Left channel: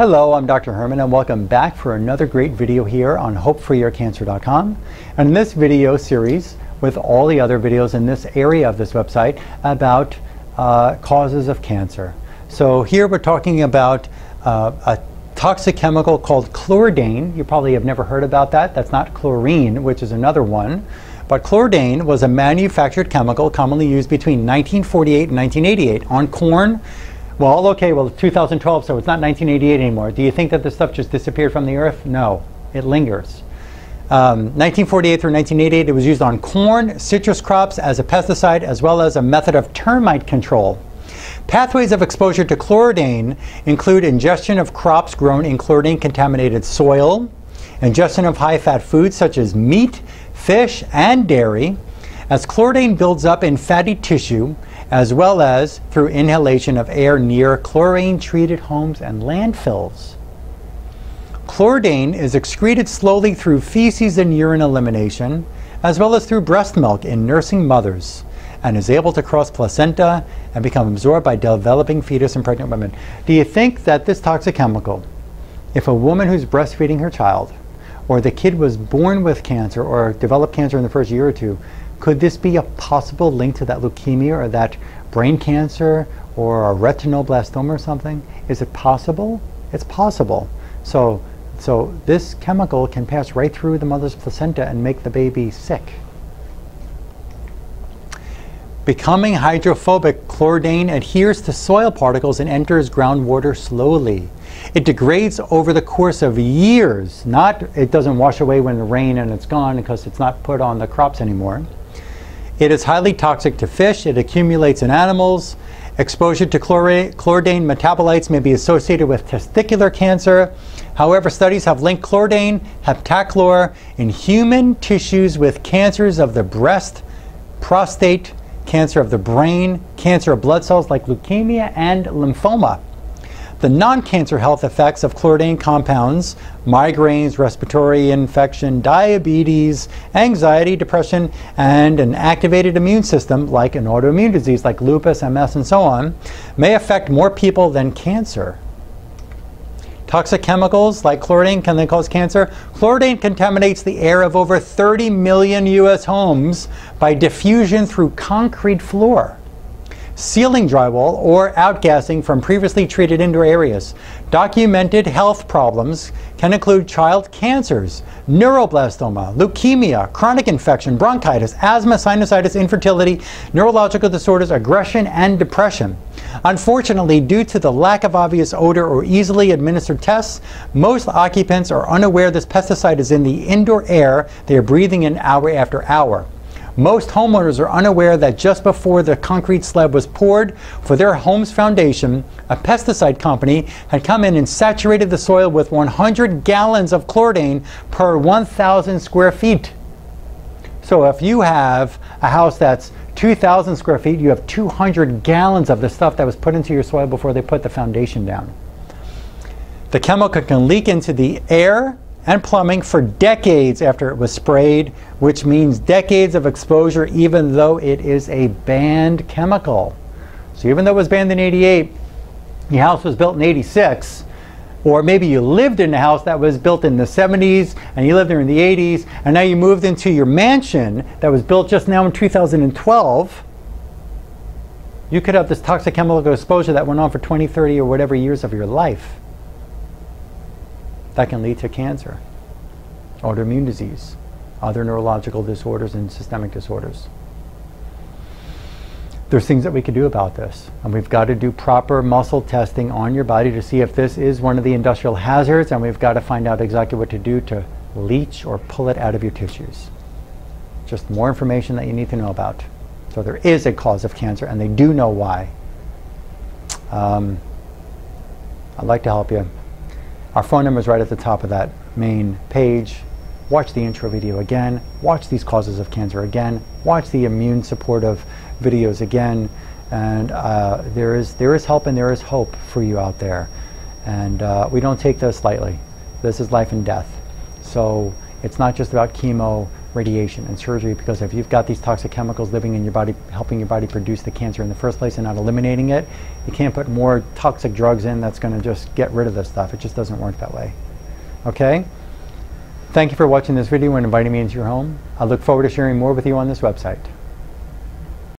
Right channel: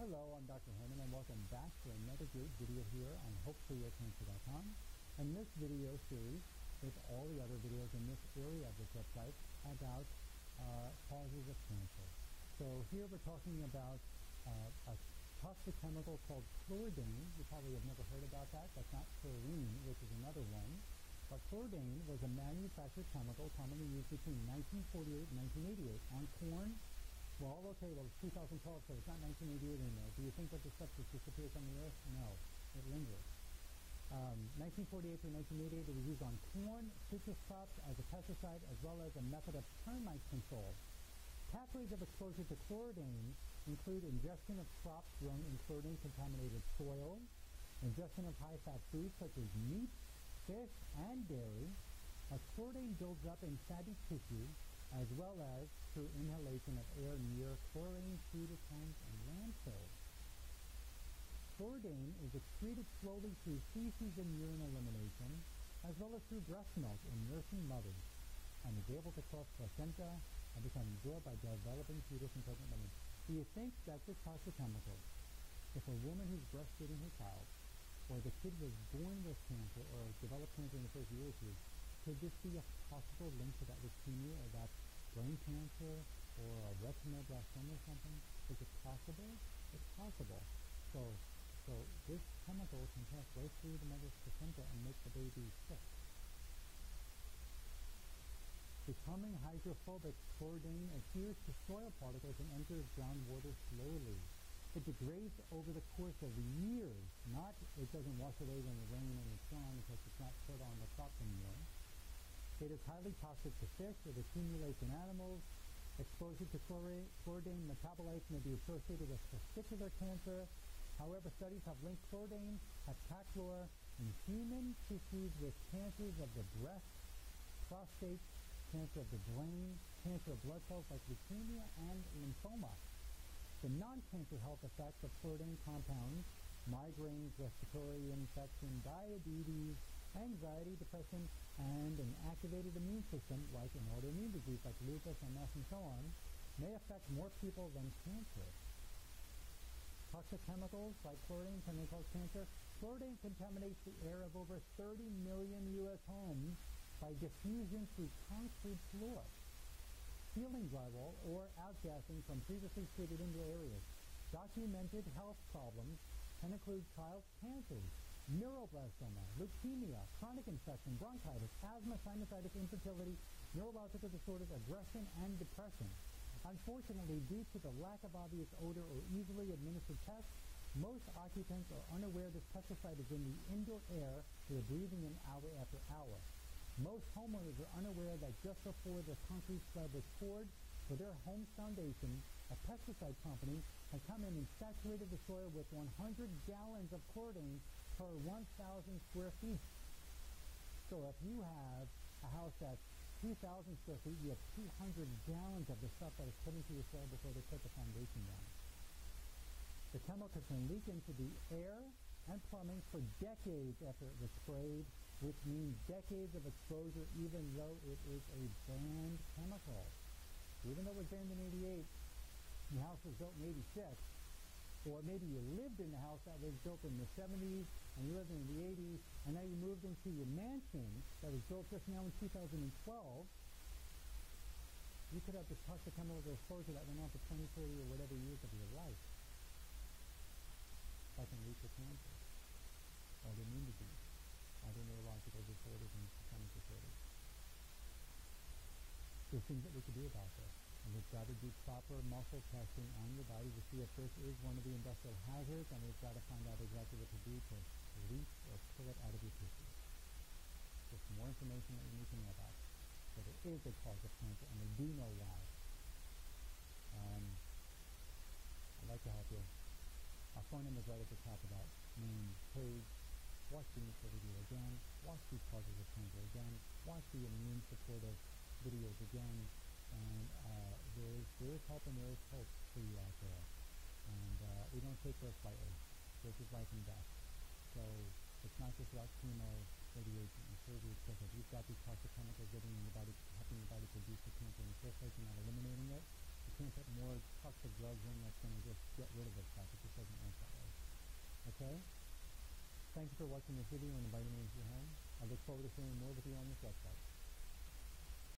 Hello, I'm Dr. Herman and welcome back for another great video here on HopeForYourCancer.com. And in this video series, with all the other videos in this area of this website about causes of cancer. So here we're talking about a toxic chemical called Chlordane. You probably have never heard about that. That's not chlorine, which is another one. But Chlordane was a manufactured chemical commonly used between 1948 and 1988 on corn. Well, okay, well, it's 2012, so it's not 1988 anymore. Do you think that this stuff just disappeared from the earth? No, it lingers. 1948 through 1988, it was used on corn, citrus crops as a pesticide, as well as a method of termite control. Pathways of exposure to Chlordane include ingestion of crops grown in chlordane-contaminated soil, ingestion of high-fat foods such as meat, fish, and dairy, as Chlordane builds up in fatty tissue, as well as through inhalation of air near chlorine-treated homes and landfills. Chlordane is excreted slowly through feces and urine elimination, as well as through breast milk in nursing mothers, and is able to cross placenta and become absorbed by developing fetus and pregnant women. Do you think that this toxic chemical, if a woman who's breastfeeding her child, or the kid was born with cancer or developed cancer in the first year or two, could this be a possible link to that leukemia or that brain cancer or a retinoblastoma or something? Is it possible? It's possible. So this chemical can pass right through the mother's placenta and make the baby sick. Becoming hydrophobic, Chlordane adheres to soil particles and enters groundwater slowly. It degrades over the course of years. It doesn't wash away when the rain and it's gone because it's not put on the crops anymore. It is highly toxic to fish. It accumulates in animals. Exposure to Chlordane metabolites may be associated with testicular cancer. However, studies have linked Chlordane, heptachlor, in human tissues with cancers of the breast, prostate, cancer of the brain, cancer of blood cells like leukemia and lymphoma. The non-cancer health effects of Chlordane compounds, migraines, respiratory infection, diabetes, anxiety, depression, and an activated immune system like an autoimmune disease like lupus, MS, and so on, may affect more people than cancer. Toxic chemicals like Chlordane, can they cause cancer? Chlordane contaminates the air of over 30 million U.S. homes by diffusion through concrete floor, sealing drywall, or outgassing from previously treated indoor areas. Documented health problems can include child cancers, neuroblastoma, leukemia, chronic infection, bronchitis, asthma, sinusitis, infertility, neurological disorders, aggression, and depression. Unfortunately, due to the lack of obvious odor or easily administered tests, most occupants are unaware this pesticide is in the indoor air they are breathing in hour after hour. Most homeowners are unaware that just before the concrete slab was poured for their home's foundation, a pesticide company had come in and saturated the soil with 100 gallons of Chlordane per 1,000 square feet. So if you have a house that's 2,000 square feet, you have 200 gallons of the stuff that was put into your soil before they put the foundation down. The chemical can leak into the air and plumbing for decades after it was sprayed, which means decades of exposure even though it is a banned chemical. So even though it was banned in '88, your house was built in '86, or maybe you lived in a house that was built in the '70s and you lived there in the '80s, and now you moved into your mansion that was built just now in 2012, you could have this toxic chemical exposure that went on for 20, 30, or whatever years of your life. That can lead to cancer, autoimmune disease, other neurological disorders, and systemic disorders. There's things that we can do about this, and we've got to do proper muscle testing on your body to see if this is one of the industrial hazards, and we've got to find out exactly what to do to leach or pull it out of your tissues. Just more information that you need to know about. So there is a cause of cancer, and they do know why. I'd like to help you. Our phone number is right at the top of that main page. Watch the intro video again. Watch these causes of cancer again. Watch the immune supportive videos again. And there is help and there is hope for you out there. And we don't take this lightly. This is life and death. So it's not just about chemo radiation and surgery, because if you've got these toxic chemicals living in your body, helping your body produce the cancer in the first place and not eliminating it, you can't put more toxic drugs in that's going to just get rid of this stuff. It just doesn't work that way. Okay? Thank you for watching this video and inviting me into your home. I look forward to sharing more with you on this website.